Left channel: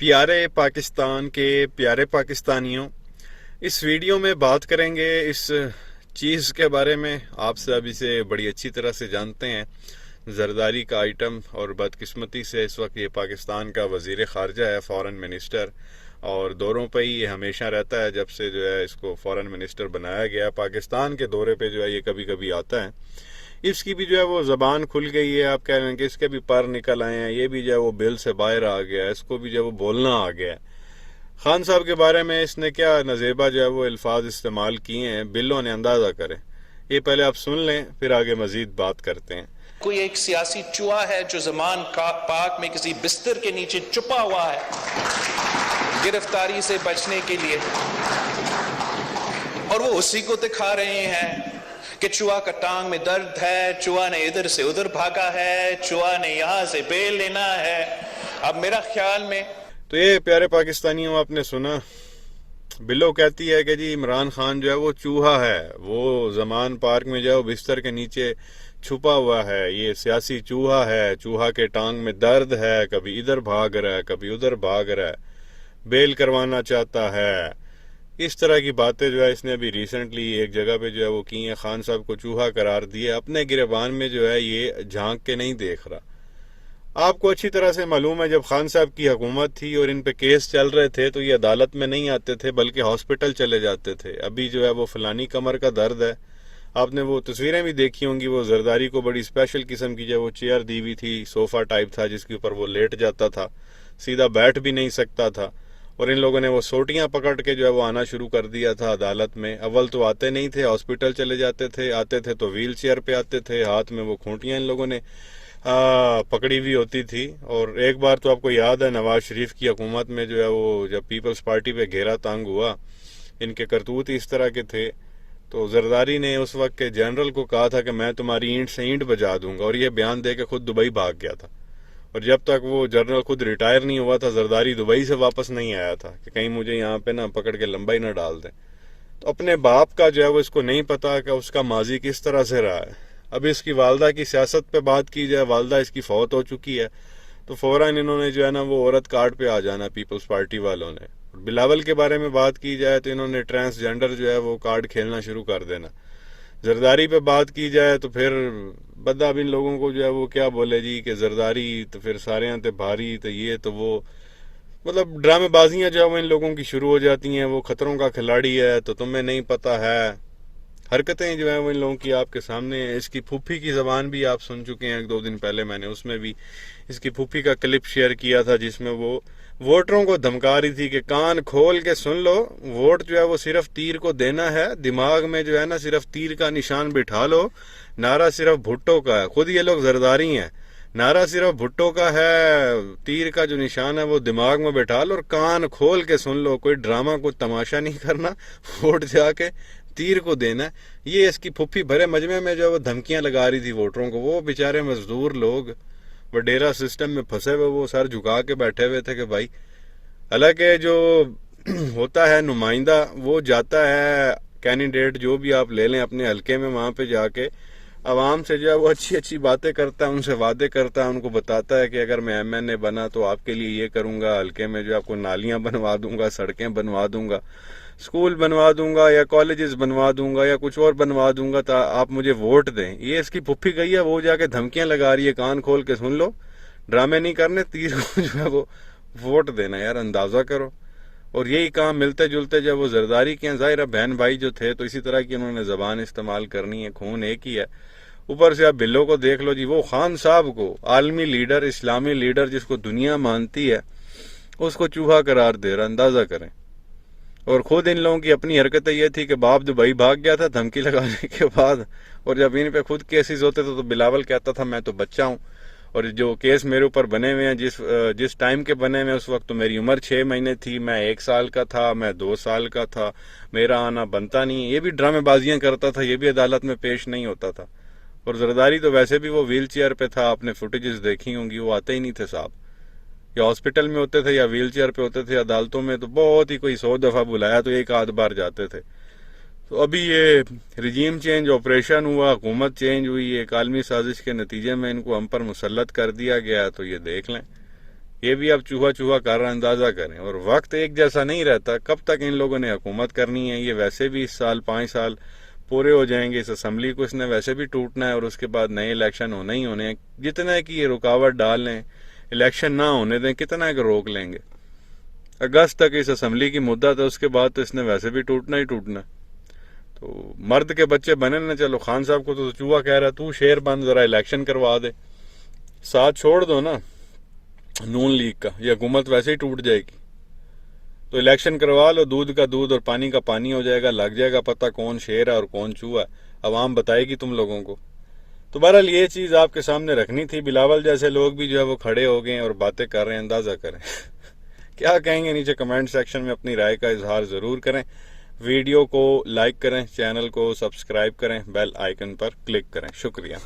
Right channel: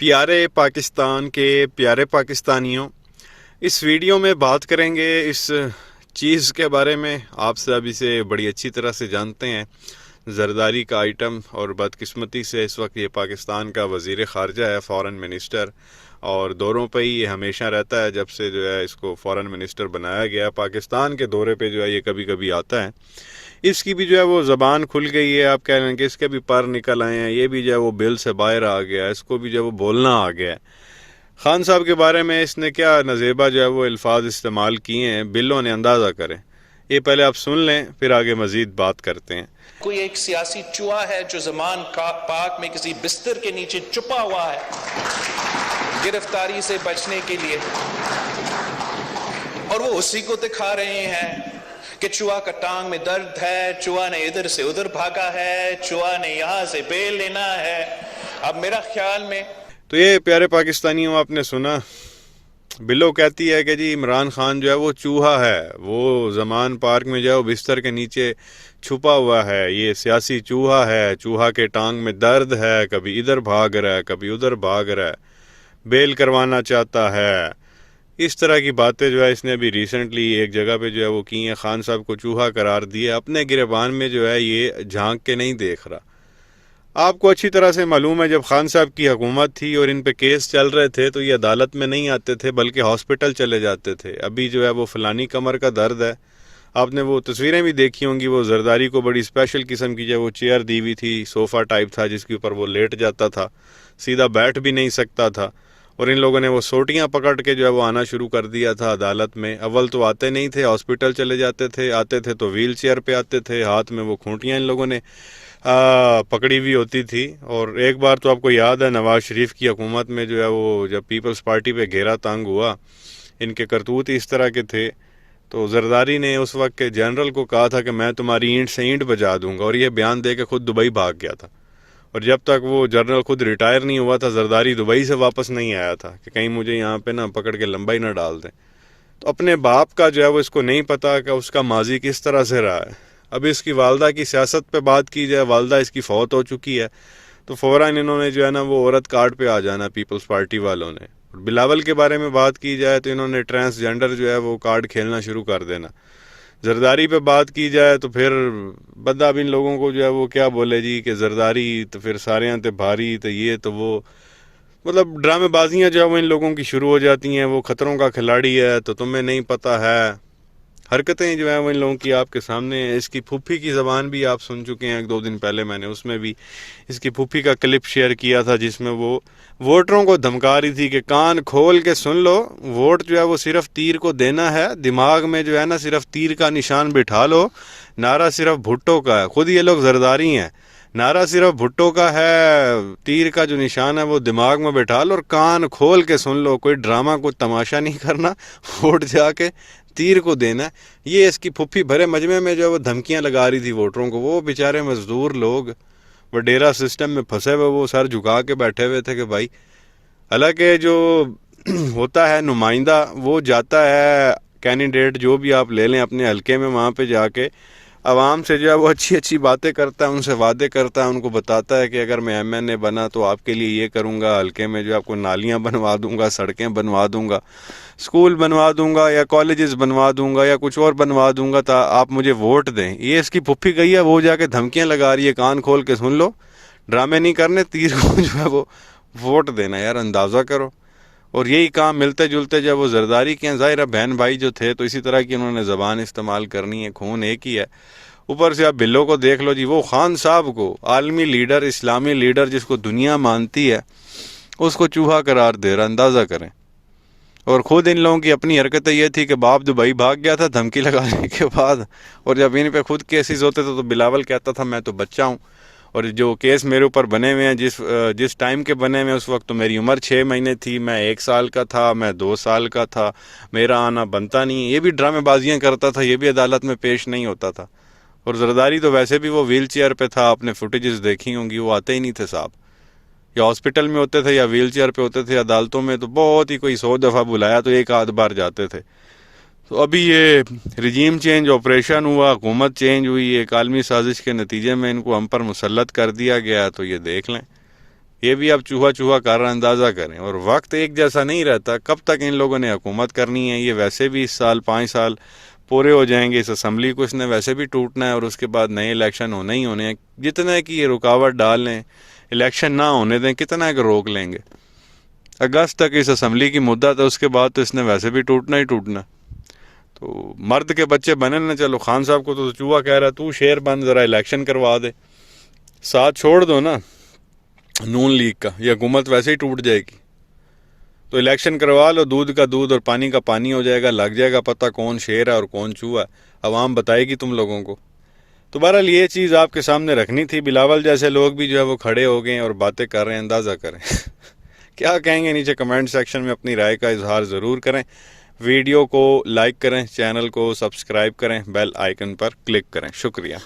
پیارے پاکستان کے پیارے پاکستانیوں، اس ویڈیو میں بات کریں گے اس چیز کے بارے میں. آپ سب اسے بڑی اچھی طرح سے جانتے ہیں، زرداری کا آئٹم. اور بدقسمتی سے اس وقت یہ پاکستان کا وزیر خارجہ ہے، فارن منسٹر، اور دوروں پہ ہی یہ ہمیشہ رہتا ہے. جب سے جو ہے اس کو فارن منسٹر بنایا گیا، پاکستان کے دورے پہ جو ہے یہ کبھی کبھی آتا ہے. اس کی بھی جو ہے وہ زبان کھل گئی ہے. آپ کہہ رہے ہیں کہ اس کے بھی پر نکل آئے ہیں، یہ بھی جو ہے وہ بل سے باہر آ گیا، اس کو بھی جو ہے وہ بولنا آ گیا. خان صاحب کے بارے میں اس نے کیا نزیبہ جو ہے وہ الفاظ استعمال کیے ہیں، بلوں نے اندازہ کریں. یہ پہلے آپ سن لیں، پھر آگے مزید بات کرتے ہیں. کوئی ایک سیاسی چوہا ہے جو زمان پاک میں کسی بستر کے نیچے چھپا ہوا ہے گرفتاری سے بچنے کے لیے، اور وہ اسی کو دکھا رہے ہیں کہ چوہا کا ٹانگ میں درد ہے، چوہا نے ادھر سے ادھر بھاگا ہے، چوہا نے یہاں سے بیل لینا ہے. اب میرا خیال میں تو یہ پیارے پاکستانیوں، آپ نے سنا، بلو کہتی ہے کہ جی عمران خان جو ہے وہ چوہا ہے، وہ زمان پارک میں جو ہے وہ بستر کے نیچے چھپا ہوا ہے، یہ سیاسی چوہا ہے، چوہا کے ٹانگ میں درد ہے، کبھی ادھر بھاگ رہا ہے، کبھی ادھر بھاگ رہا ہے، بیل کروانا چاہتا ہے. اس طرح کی باتیں جو ہے اس نے ابھی ریسنٹلی ایک جگہ پہ جو ہے وہ کی ہیں. خان صاحب کو چوہا قرار دیا. اپنے گریبان میں جو ہے یہ جھانک کے نہیں دیکھ رہا. آپ کو اچھی طرح سے معلوم ہے جب خان صاحب کی حکومت تھی اور ان پہ کیس چل رہے تھے تو یہ عدالت میں نہیں آتے تھے بلکہ ہاسپٹل چلے جاتے تھے. ابھی جو ہے وہ فلانی کمر کا درد ہے. آپ نے وہ تصویریں بھی دیکھی ہوں گی، وہ زرداری کو بڑی اسپیشل قسم کی جو ہے وہ چیئر دی ہوئی تھی، صوفہ ٹائپ تھا جس کے اوپر وہ لیٹ جاتا تھا، سیدھا بیٹھ بھی نہیں سکتا تھا. اور ان لوگوں نے وہ سوٹیاں پکڑ کے جو ہے وہ آنا شروع کر دیا تھا عدالت میں. اول تو آتے نہیں تھے، ہاسپٹل چلے جاتے تھے، آتے تھے تو ویل چیئر پہ آتے تھے، ہاتھ میں وہ کھونٹیاں ان لوگوں نے پکڑی ہوئی ہوتی تھی. اور ایک بار تو آپ کو یاد ہے نواز شریف کی حکومت میں جو ہے وہ جب پیپلز پارٹی پہ گھیرا تانگ ہوا، ان کے کرتوت اس طرح کے تھے، تو زرداری نے اس وقت کے جنرل کو کہا تھا کہ میں تمہاری اینٹ سے اینٹ بجا دوں گا، اور یہ بیان دے کے خود دبئی بھاگ گیا تھا. اور جب تک وہ جنرل خود ریٹائر نہیں ہوا تھا، زرداری دبئی سے واپس نہیں آیا تھا کہ کہیں مجھے یہاں پہ نہ پکڑ کے لمبائی نہ ڈال دیں. تو اپنے باپ کا جو ہے وہ اس کو نہیں پتا کہ اس کا ماضی کس طرح سے رہا ہے. اب اس کی والدہ کی سیاست پہ بات کی جائے، والدہ اس کی فوت ہو چکی ہے، تو فوراً انہوں نے جو ہے نا وہ عورت کارڈ پہ آ جانا پیپلز پارٹی والوں نے. بلاول کے بارے میں بات کی جائے تو انہوں نے ٹرانسجینڈر جو ہے وہ کارڈ کھیلنا شروع کر دینا. زرداری پہ بات کی جائے تو پھر بندہ اب ان لوگوں کو جو ہے وہ کیا بولے جی کہ زرداری تو پھر سارے یہاں تے بھاری تو یہ تو وہ، مطلب ڈرامے بازیاں جو ہے وہ ان لوگوں کی شروع ہو جاتی ہیں. وہ خطروں کا کھلاڑی ہے تو تمہیں نہیں پتہ ہے. حرکتیں جو ہیں وہ ان لوگوں کی آپ کے سامنے ہیں. اس کی پھوپھی کی زبان بھی آپ سن چکے ہیں. 1-2 دن پہلے میں نے اس میں بھی اس کی پھوپھی کا کلپ شیئر کیا تھا جس میں وہ ووٹروں کو دھمکا رہی تھی کہ کان کھول کے سن لو، ووٹ جو ہے وہ صرف تیر کو دینا ہے، دماغ میں جو ہے نا صرف تیر کا نشان بٹھا لو. نعرہ صرف بھٹو کا ہے، خود یہ لوگ زرداری ہیں. نعرہ صرف بھٹو کا ہے، تیر کا جو نشان ہے وہ دماغ میں بٹھا لو اور کان کھول کے سن لو. کوئی ڈرامہ کو تماشا نہیں کرنا، ووٹ جا کے تیر کو دینا. یہ اس کی پھپھی بھرے مجمع میں جو ہے وہ دھمکیاں لگا رہی تھی ووٹروں کو. وہ بیچارے مزدور لوگ وڈیرا سسٹم میں پھنسے ہوئے وہ سر جھکا کے بیٹھے ہوئے تھے کہ بھائی، حالانکہ جو ہوتا ہے نمائندہ وہ جاتا ہے، کینڈیڈیٹ جو بھی آپ لے لیں اپنے حلقے میں، وہاں پہ جا کے عوام سے جو ہے وہ اچھی اچھی باتیں کرتا ہے، ان سے وعدے کرتا ہے، ان کو بتاتا ہے کہ اگر میں MNA بنا تو آپ کے لیے یہ کروں گا، حلقے میں جو آپ کو نالیاں بنوا دوں گا، سڑکیں بنوا دوں گا، اسکول بنوا دوں گا، یا کالجز بنوا دوں گا، یا کچھ اور بنوا دوں گا تا آپ مجھے ووٹ دیں. یہ اس کی پھپھی گئی ہے، وہ جا کے دھمکیاں لگا رہی ہے، کان کھول کے سن لو، ڈرامے نہیں کرنے، تیر کو جو ہے وہ ووٹ دینا. یار اندازہ کرو. اور یہی کام ملتے جلتے جب وہ زرداری کے ہیں، ظاہر ہے بہن بھائی جو تھے تو اسی طرح کی انہوں نے زبان استعمال کرنی ہے، خون ایک ہی ہے. اوپر سے آپ بلو کو دیکھ لو جی، وہ خان صاحب کو عالمی لیڈر، اسلامی لیڈر جس کو دنیا مانتی ہے، اس کو چوہا قرار دے رہا. اندازہ کریں. اور خود ان لوگوں کی اپنی حرکتیں یہ تھی کہ باپ دبئی بھاگ گیا تھا دھمکی لگانے کے بعد، اور جب ان پہ خود کیسز ہوتے تھے تو بلاول کہتا تھا میں تو بچہ ہوں. اور جو کیس میرے اوپر بنے ہوئے ہیں جس ٹائم کے بنے ہوئے اس وقت تو میری عمر 6 مہینے تھی، میں 1 سال کا تھا، میں 2 سال کا تھا، میرا آنا بنتا نہیں. یہ بھی ڈرامے بازیاں کرتا تھا، یہ بھی عدالت میں پیش نہیں ہوتا تھا. اور زرداری تو ویسے بھی وہ ویل چیئر پہ تھا، آپ نے فوٹیجز دیکھی ہوں گی، وہ آتے ہی نہیں تھے صاحب. یا ہاسپٹل میں ہوتے تھے یا ویل چیئر پہ ہوتے تھے. عدالتوں میں تو بہت ہی کوئی 100 دفعہ بلایا تو 1 آدھ بار جاتے تھے. تو ابھی یہ رجیم چینج آپریشن ہوا، حکومت چینج ہوئی، ایک عالمی سازش کے نتیجے میں ان کو ہم پر مسلط کر دیا گیا. تو یہ دیکھ لیں یہ بھی اب چوہا چوہا کر رہا، اندازہ کریں. اور وقت ایک جیسا نہیں رہتا، کب تک ان لوگوں نے حکومت کرنی ہے. یہ ویسے بھی اس سال 5 سال پورے ہو جائیں گے، اس اسمبلی کو اس نے ویسے بھی ٹوٹنا ہے، اور اس کے بعد نئے الیکشن ہونے ہی ہونے ہیں. جتنے کی یہ رکاوٹ ڈال لیں، الیکشن نہ ہونے دیں، کتنا کہ روک لیں گے. اگست تک اس اسمبلی کی مدت ہے، اس کے بعد تو اس نے ویسے بھی ٹوٹنا ہی ٹوٹنا. تو مرد کے بچے بنے نا. چلو خان صاحب کو تو چوہا کہہ رہا، تو شیر بن، ذرا الیکشن کروا دے، ساتھ چھوڑ دو نا نون لیگ کا، یہ حکومت ویسے ہی ٹوٹ جائے گی. تو الیکشن کروا لو، دودھ کا دودھ اور پانی کا پانی ہو جائے گا، لگ جائے گا پتہ کون شیر ہے اور کون چوہا ہے. عوام بتائے گی تم لوگوں کو. تو بہرحال یہ چیز آپ کے سامنے رکھنی تھی. بلاول جیسے لوگ بھی جو ہے وہ کھڑے ہو گئے ہیں اور باتیں کر رہے ہیں، اندازہ کریں کیا کہیں گے. نیچے کمنٹ سیکشن میں اپنی رائے کا اظہار ضرور کریں. ویڈیو کو لائک کریں، چینل کو سبسکرائب کریں، بیل آئیکن پر کلک کریں. شکریہ.